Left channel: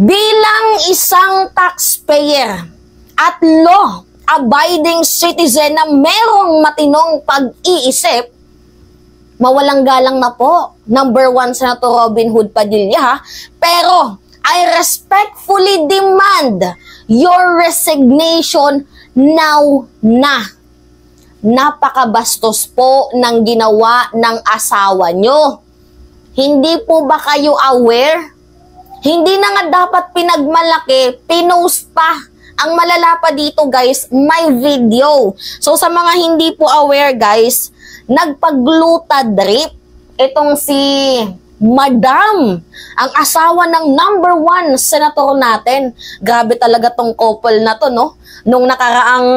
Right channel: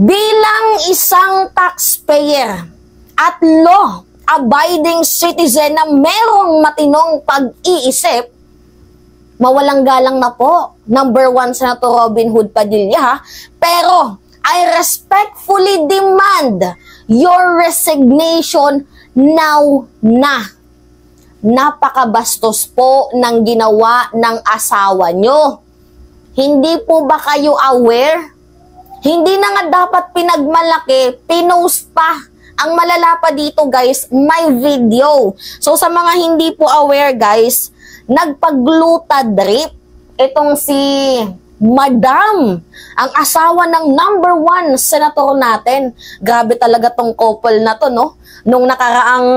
Bilang isang taxpayer at law-abiding citizen na merong matinong pag-iisip, mawalang galang na po, number 1 Senator Robin Hood Padilla, pero I respectfully demand your resignation now na. Napakabastos po ng ginawa ng asawa nyo. Hindi po ba kayo aware? Hindi na nga dapat pinagmalaki, pinost pa. Ang malala pa dito guys, may video. So sa mga hindi po aware guys, nagpagluta drip itong si Madam, ang asawa ng number 1 senator natin. Grabe talaga tong couple na to, no? Nung nakaraang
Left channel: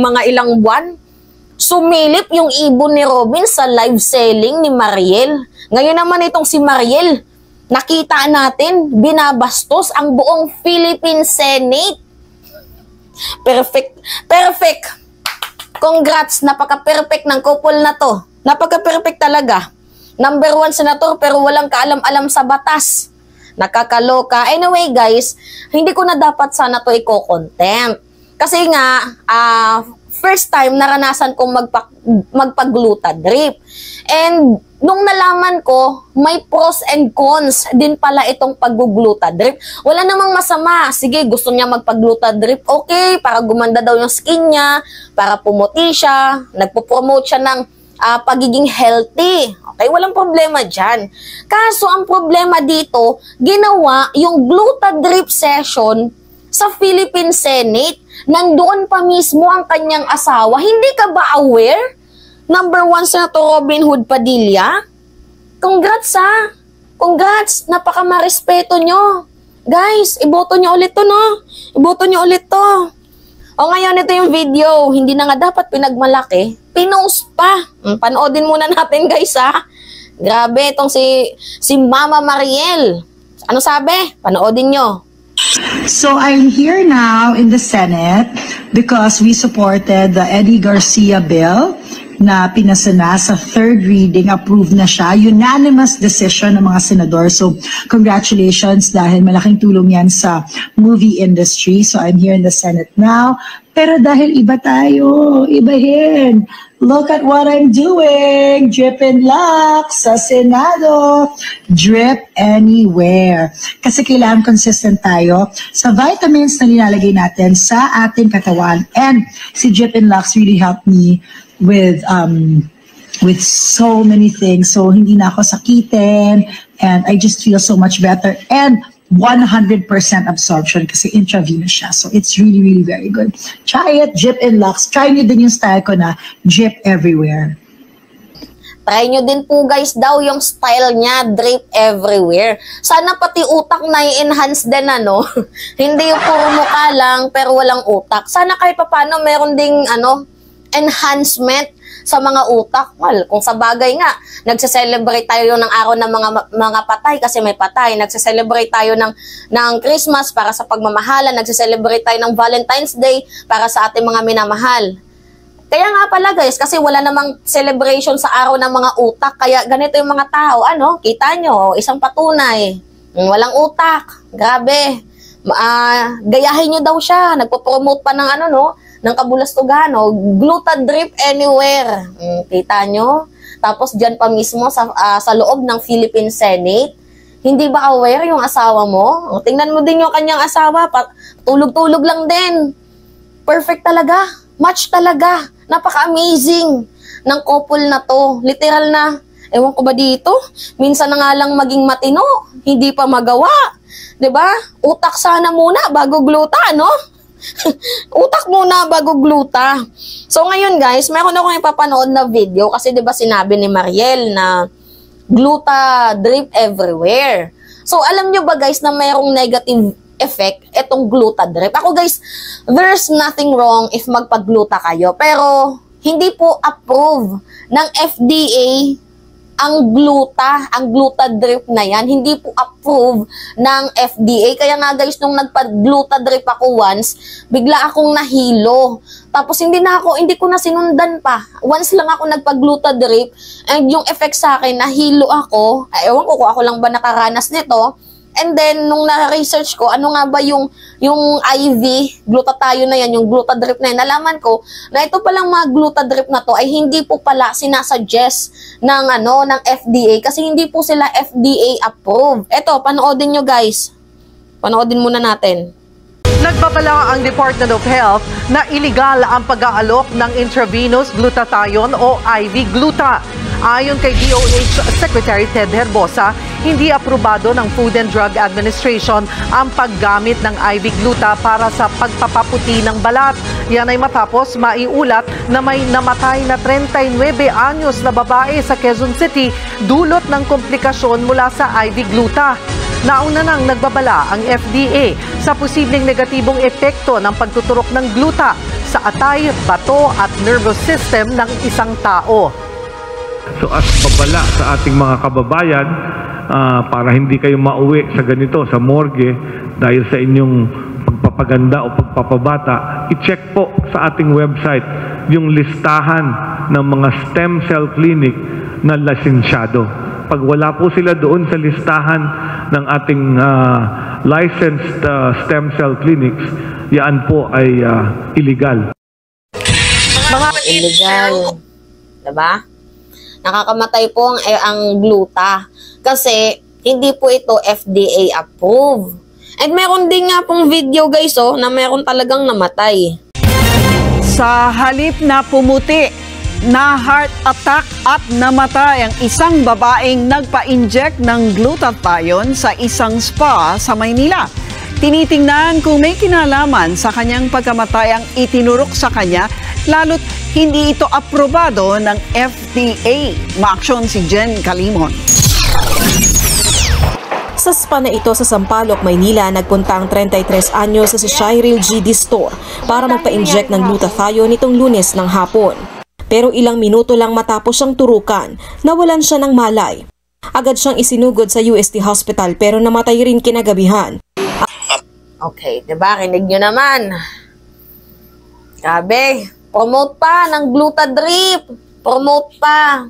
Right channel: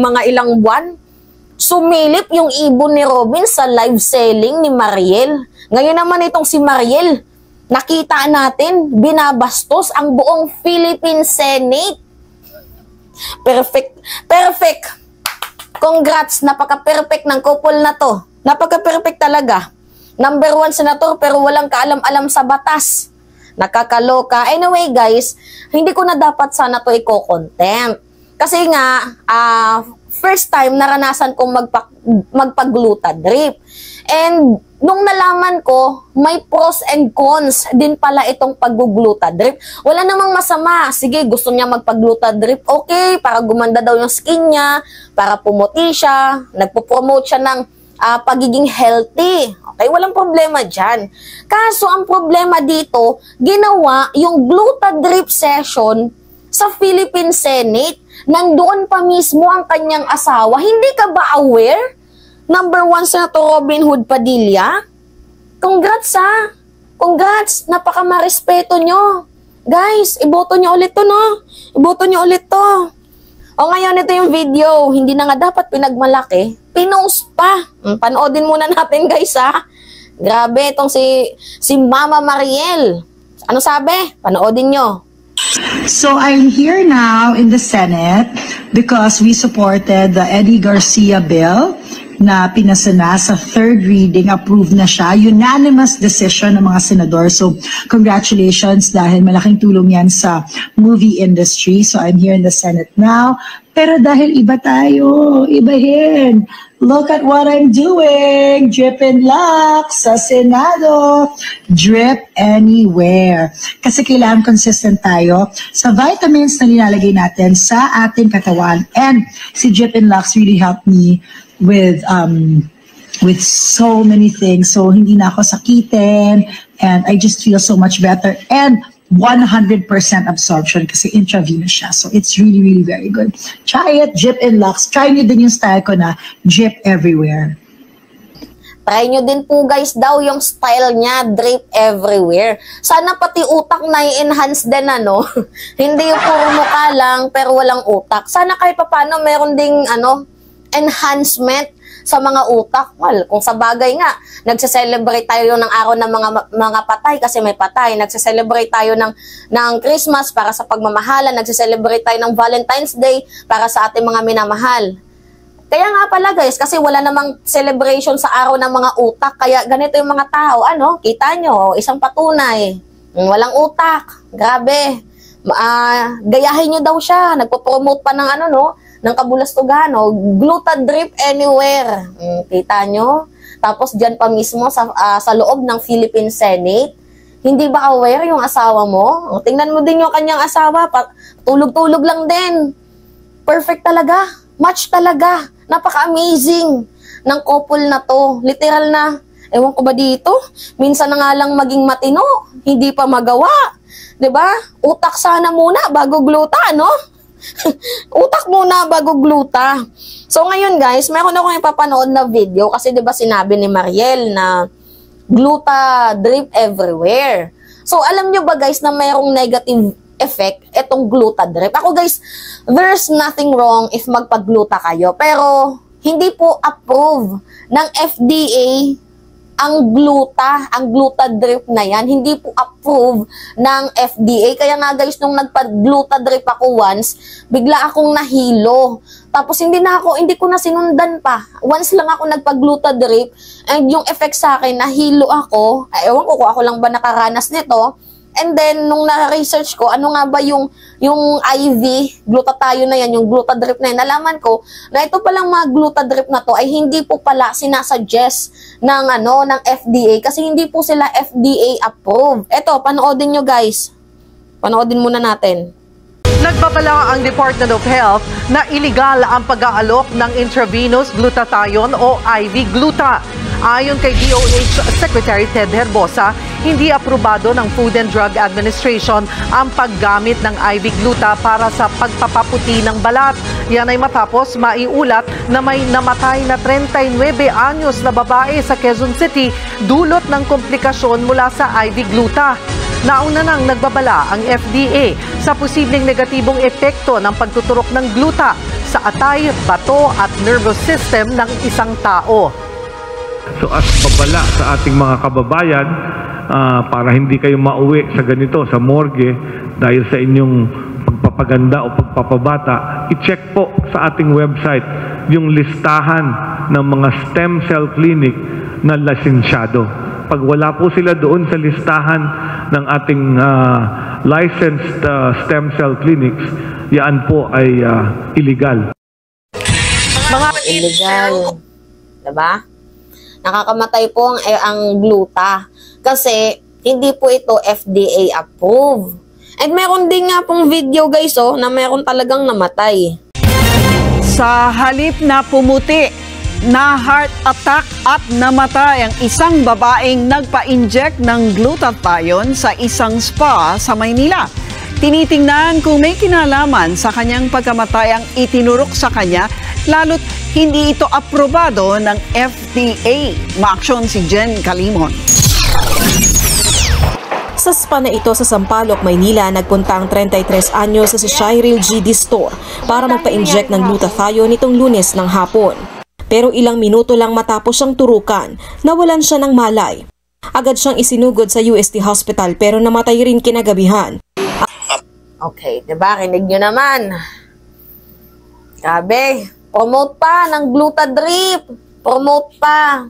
mga ilang buwan, sumilip yung ibon ni Robin sa live selling ni Mariel. Ngayon naman itong si Mariel, nakita natin, binabastos ang buong Philippine Senate. Perfect. Perfect. Congrats, napaka-perfect ng couple na to. Napaka-perfect talaga. Number 1 senator pero walang kaalam-alam sa batas. Nakakaloka. Anyway guys, hindi ko na dapat sana to i-contempt. Kasi nga, first time naranasan kong magpagluta drip. And nung nalaman ko, may pros and cons din pala itong paggugluta drip. Wala namang masama. Sige, gusto niya magpagluta drip. Okay, para gumanda daw yung skin niya, para pumuti siya, nagpo-promote siya ng pagiging healthy. Okay, walang problema dyan. Kaso, ang problema dito, ginawa yung gluta drip session sa Philippine Senate. Nandoon pa mismo ang kanyang asawa. Hindi ka ba aware? Number 1 Senator Robin Hood Padilla. Congrats ha. Congrats. Napaka-marespeto nyo. Guys, iboto nyo ulit to, no? Iboto nyo ulit to. O ngayon, ito yung video. Hindi na nga dapat pinagmalaki. Pinost pa. Panoodin muna natin guys ha. Grabe itong si Mama Mariel. Ano sabi? Panoodin nyo. So I'm here now in the Senate because we supported the Eddie Garcia bill na pinasa na sa third reading, approved na siya. Unanimous decision ng mga senador. So congratulations dahil malaking tulong yan sa movie industry. So I'm here in the Senate now. Pero dahil iba tayo, ibahin. Look at what I'm doing. Drip and lock sa Senado. Drip anywhere. Kasi kailangan consistent tayo sa vitamins na nilalagay natin sa ating katawan. And si Drip and Lux really helped me with so many things. So hindi na ako sakitin and I just feel so much better. And 100% absorption kasi intravenous siya. So it's really, really very good. Try it, Drip and Lux. Try nyo din yung style ko na drip everywhere. Try nyo din po guys daw yung style niya, drip everywhere. Sana pati utak na i-enhance din ano. Hindi yung puro mukha lang pero walang utak. Sana kahit paano meron ding enhancement sa mga utak. Well, kung sa bagay nga, nagse-celebrate tayo ng araw ng mga patay kasi may patay. Nagse-celebrate tayo ng Christmas para sa pagmamahalan. Nagse-celebrate tayo ng Valentine's Day para sa ating mga minamahal. Kaya nga pala guys, kasi wala namang celebration sa araw ng mga utak. Kaya ganito yung mga tao. Kita nyo, isang patunay. Walang utak. Grabe. Gayahin nyo daw siya. Nagpo-promote pa ng ng kabulastugan, gluta drip anywhere. Kita nyo? Tapos dyan pa mismo sa loob ng Philippine Senate. Hindi ba aware yung asawa mo? Tingnan mo din yung kanyang asawa. Tulog-tulog lang din. Perfect talaga. Match talaga. Napaka-amazing ng couple na to. Literal na, ewan ko ba dito? Minsan na nga lang maging matino. Hindi pa magawa. 'Di ba? Utak sana muna bago gluta, no? Utak muna bago gluta. So ngayon guys, meron akong ipapanood na video kasi 'di ba sinabi ni Mariel na gluta drip everywhere. So alam nyo ba guys na mayroong negative effect itong gluta drip? Ako guys, there's nothing wrong if magpagluta kayo, pero hindi po approve ng FDA ang gluta drip na yan. Hindi po approve ng FDA. Kaya nga guys, nung nagpa-gluta drip ako once, bigla akong nahilo. Tapos hindi ko na sinundan pa. Once lang ako nagpa-gluta drip, and yung effect sa akin, nahilo ako. Ewan ko kung ako lang ba nakaranas nito. And then, nung na-research ko, ano nga ba yung IV, glutathione na yan, yung glutadrip na yan, nalaman ko na ito palang mga glutadrip na to ay hindi po pala sinasuggest ng FDA kasi hindi po sila FDA approved. Ito, panoodin nyo guys. Panoodin muna natin. Nagbabala ang Department of Health na iligal ang pag-aalok ng intravenous glutathione o IV gluta. Ayon kay DOH Secretary Ted Herbosa, hindi aprobado ng Food and Drug Administration ang paggamit ng IV gluta para sa pagpapaputi ng balat. Yan ay matapos maiulat na may namatay na 39 anyos na babae sa Quezon City dulot ng komplikasyon mula sa IV gluta. Nauna nang nagbabala ang FDA sa posibleng negatibong epekto ng pagtuturok ng gluta sa atay, bato at nervous system ng isang tao. So as babala sa ating mga kababayan, para hindi kayo mauwi sa ganito, sa morgue, dahil sa inyong pagpapaganda o pagpapabata, i-check po sa ating website yung listahan ng mga stem cell clinic na lisensyado. Pag wala po sila doon sa listahan ng ating licensed stem cell clinics, yan po ay illegal. Illegal. Diba? Nakakamatay po ang gluta kasi hindi po ito FDA approved. And meron din nga pong video guys na meron talagang namatay. Sa halip na pumuti, na heart attack at namatay ang isang babaeng nagpa-inject ng glutathione sa isang spa sa Maynila. Tinitingnan kung may kinalaman sa kanyang pagkamatay ang itinurok sa kanya, lalo't hindi ito aprobado ng FDA. Maaksyon si Jen Calimon. Sa spa na ito sa Sampaloc, Maynila, nagpunta ang 33 anyos sa Shirel GD Store para magpa-inject ng glutathione nitong Lunes ng hapon. Pero ilang minuto lang matapos siyang turukan, nawalan siya ng malay. Agad siyang isinugod sa UST Hospital pero namatay rin kinagabihan. Okay, diba? Kinig nyo naman. Sabi, promote pa ng glutadrip. Promote pa.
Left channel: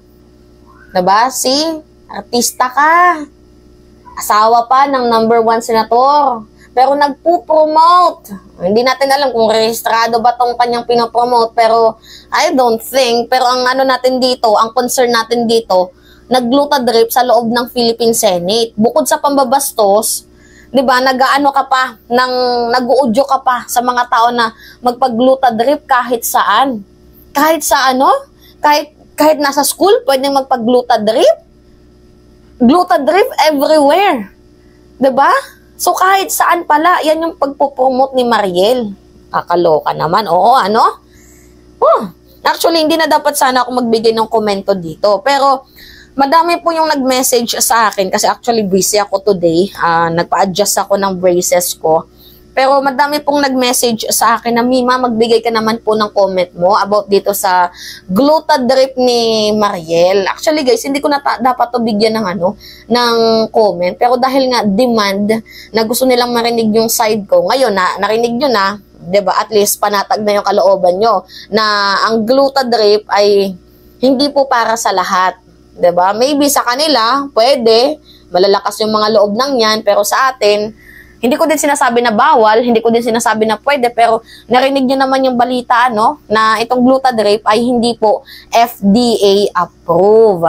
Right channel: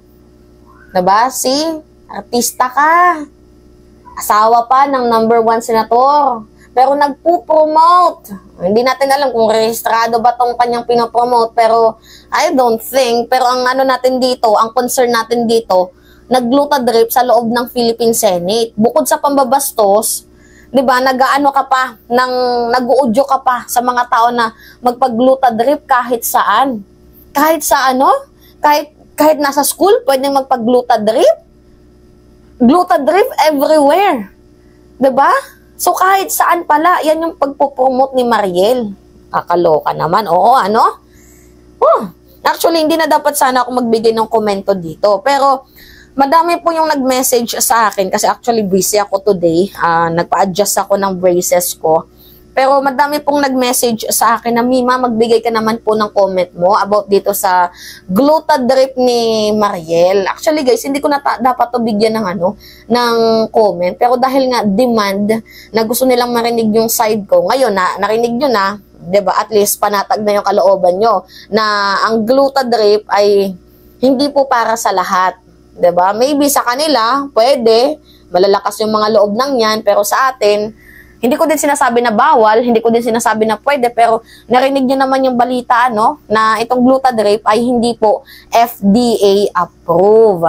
Diba? See? Artista ka. Asawa pa ng #1 senator. Pero nagpo-promote. Hindi natin alam kung rehistrado ba tong kanyang pinopromote. Pero I don't think. Pero ang natin dito, ang concern natin dito, nag-glutadrip sa loob ng Philippine Senate. Bukod sa pambabastos, di ba, nag-aano ka pa, nag-uudyo ka pa sa mga tao na magpag-glutadrip kahit saan. Kahit sa kahit nasa school, pwedeng magpag-glutadrip. Glutadrip everywhere. Di ba? So kahit saan pala, yan yung pagpopromote ni Mariel. Kakaloka naman. Oo, actually, hindi na dapat sana ako magbigay ng komento dito. Pero, madami po yung nag-message sa akin kasi actually busy ako today. Nagpa-adjust ako ng braces ko. Pero madami pong nag-message sa akin na Mima, magbigay ka naman po ng comment mo about dito sa glutadrip ni Mariel. Actually guys, hindi ko na dapat to bigyan ng comment. Pero dahil nga demand na gusto nilang marinig yung side ko, ngayon narinig nyo na, diba? At least panatag na yung kalooban nyo na ang glutadrip ay hindi po para sa lahat. Diba? Maybe sa kanila, pwede, malalakas yung mga loob ng yan, pero sa atin, hindi ko din sinasabi na bawal, hindi ko din sinasabi na pwede, pero narinig nyo naman yung balita, na itong glutadrip ay hindi po FDA approved.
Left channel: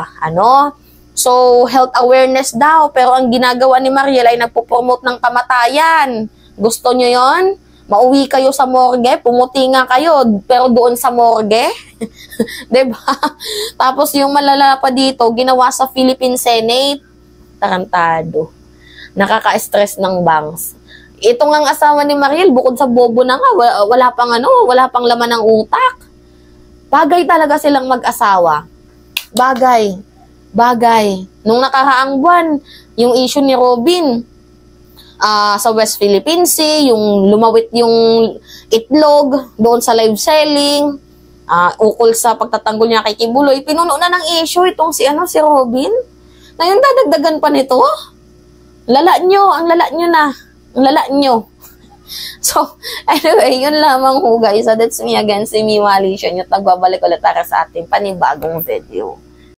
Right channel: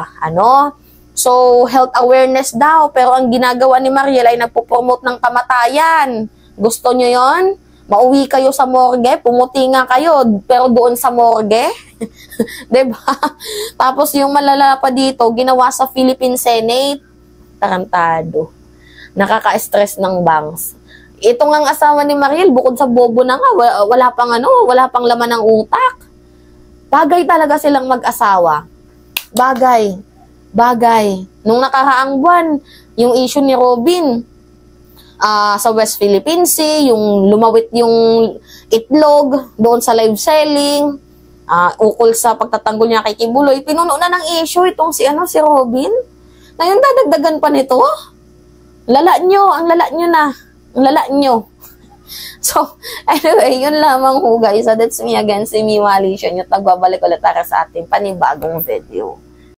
So, health awareness daw, pero ang ginagawa ni Mariel ay nagpo-promote ng kamatayan. Gusto nyo yon? Mauwi kayo sa morgue, pumuti nga kayo, pero doon sa morgue. Diba? Tapos yung malala pa dito, ginawa sa Philippine Senate. Tarantado. Nakaka-stress ng bangs. Ito nga ang asawa ni Mariel, bukod sa bobo na nga, wala pang laman ng utak. Bagay talaga silang mag-asawa. Bagay. Nung nakaraang buwan, yung issue ni Robin, sa West Philippine Sea, yung lumawit yung itlog doon sa live selling, ukol sa pagtatanggol niya kay Kibuloy, pinuno na ng issue itong si Robin. Ngayon dadagdagan pa nito. Ang lala nyo. So, anyway, yun lamang ho guys. So, that's me again, si Miwali Siya. Nagbabalik ulit para sa ating panibagong video.